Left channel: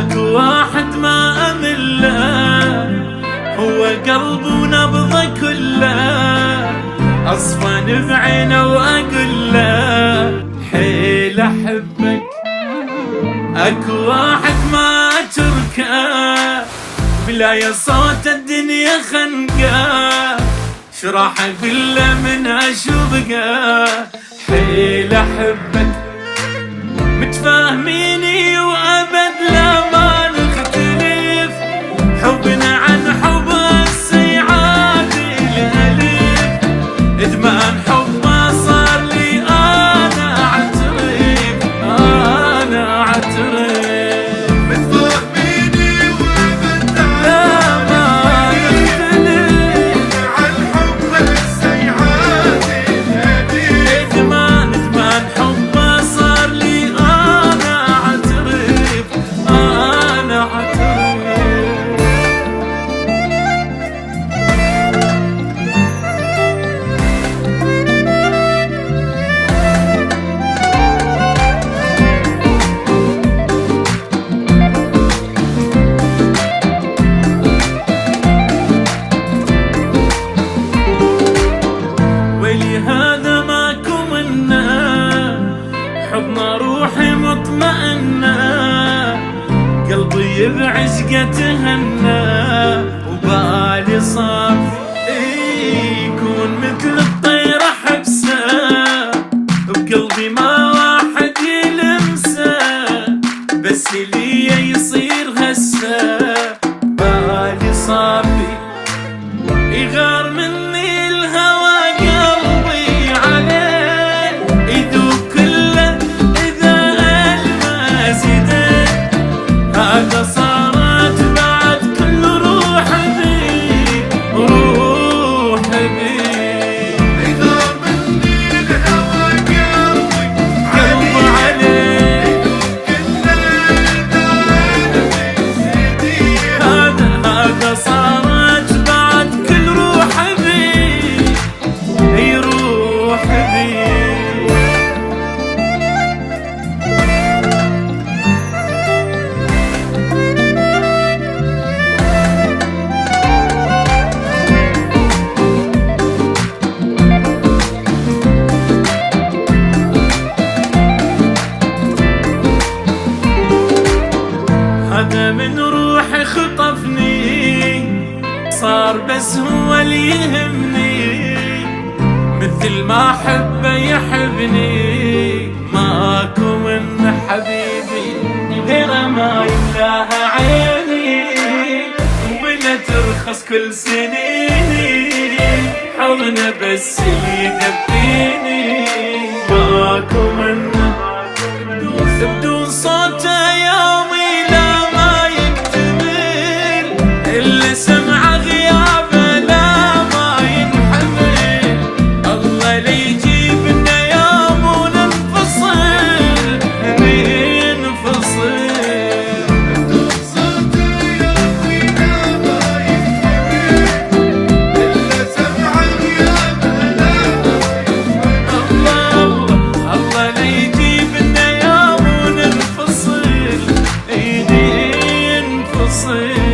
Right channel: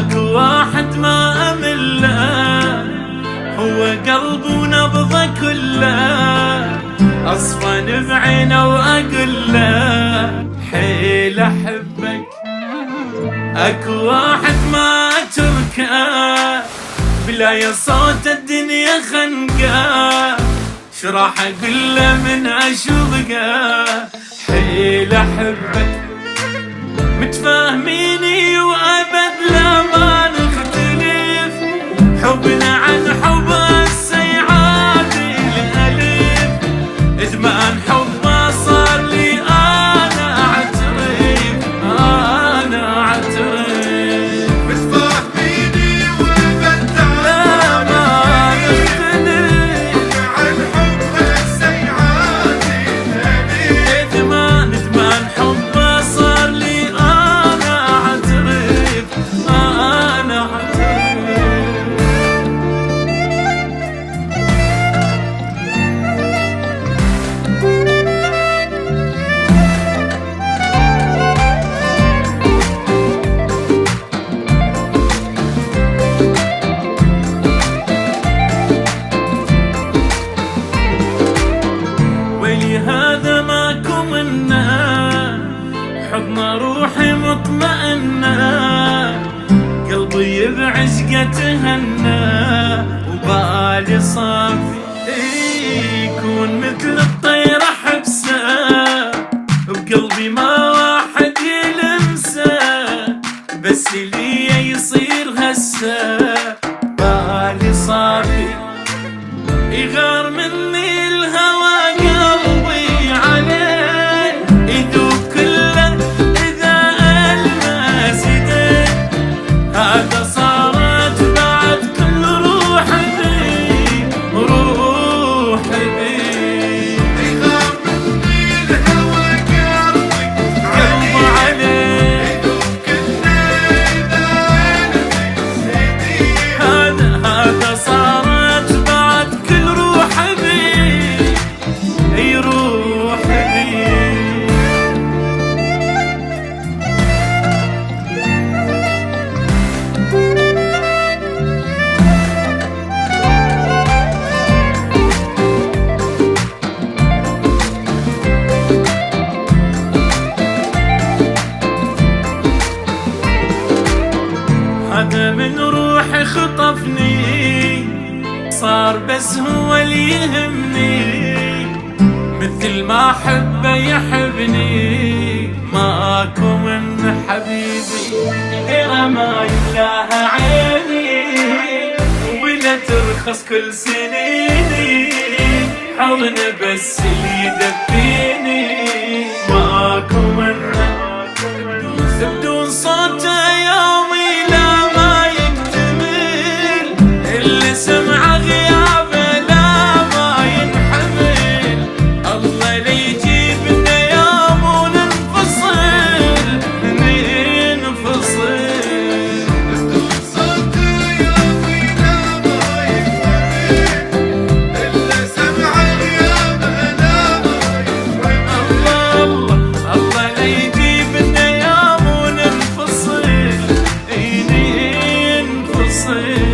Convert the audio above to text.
اكو واحد ما امله، هو قلب ونبضه كله، اصفن بعينه واقول له حيل احبك. اكو واحد ما اتركه، بلا صوت الدنيا خنقه، شراح اقول له من اشوفه حيل احبك. متفاهميني وابد لا ما نختلف، حبنا عن حب السيعادي الالف، ادمان حبه صار لي انا اعترف، انا اعترف. متفاهميني وابد لا ما نختلف، عن حب السيعادي الالف، ادمان حبه صار لي انا اعترف، انا اعترف. هذا ماكو منه، حضن روحي مطمئنه، قلبي بعشقه تهنى، وبالي صافي يكون مثل الطير حبسه، بقلبي ما واحد يلمسه، بس لي يصير هسه، بالي صافي يغار مني الهوى، قلبي عليه يذوب كله إذا ألمس يديه، هذا صارت بعد كل روح بي، روح بي. يغار مني الهوى قلبي عليه يذوب كله إذا ألمس يديه، هذا صارت بعد كل روح بي، يروح بي. هذا من روحي خطفني، صار بس هو اللي يهمني، مثل ما حبه يحبني، ماكو من حبيبي غيره ما يملاها عيني، ولا ترخص كل سنيني، حضنه بس اللي يدفيني، ماكو منه بدون صوته يومي لا ما يكتمل، اللي سمعه غيابه لا ما ينحمل، الله لي يجيبنا يوم وننفصل، ننفصل. بدون صوته يومي لا ما يكتمل، إلا سمع غيابه لا ما ينحمل، الله لي يجيبنا يوم وننفصل، ننفصل.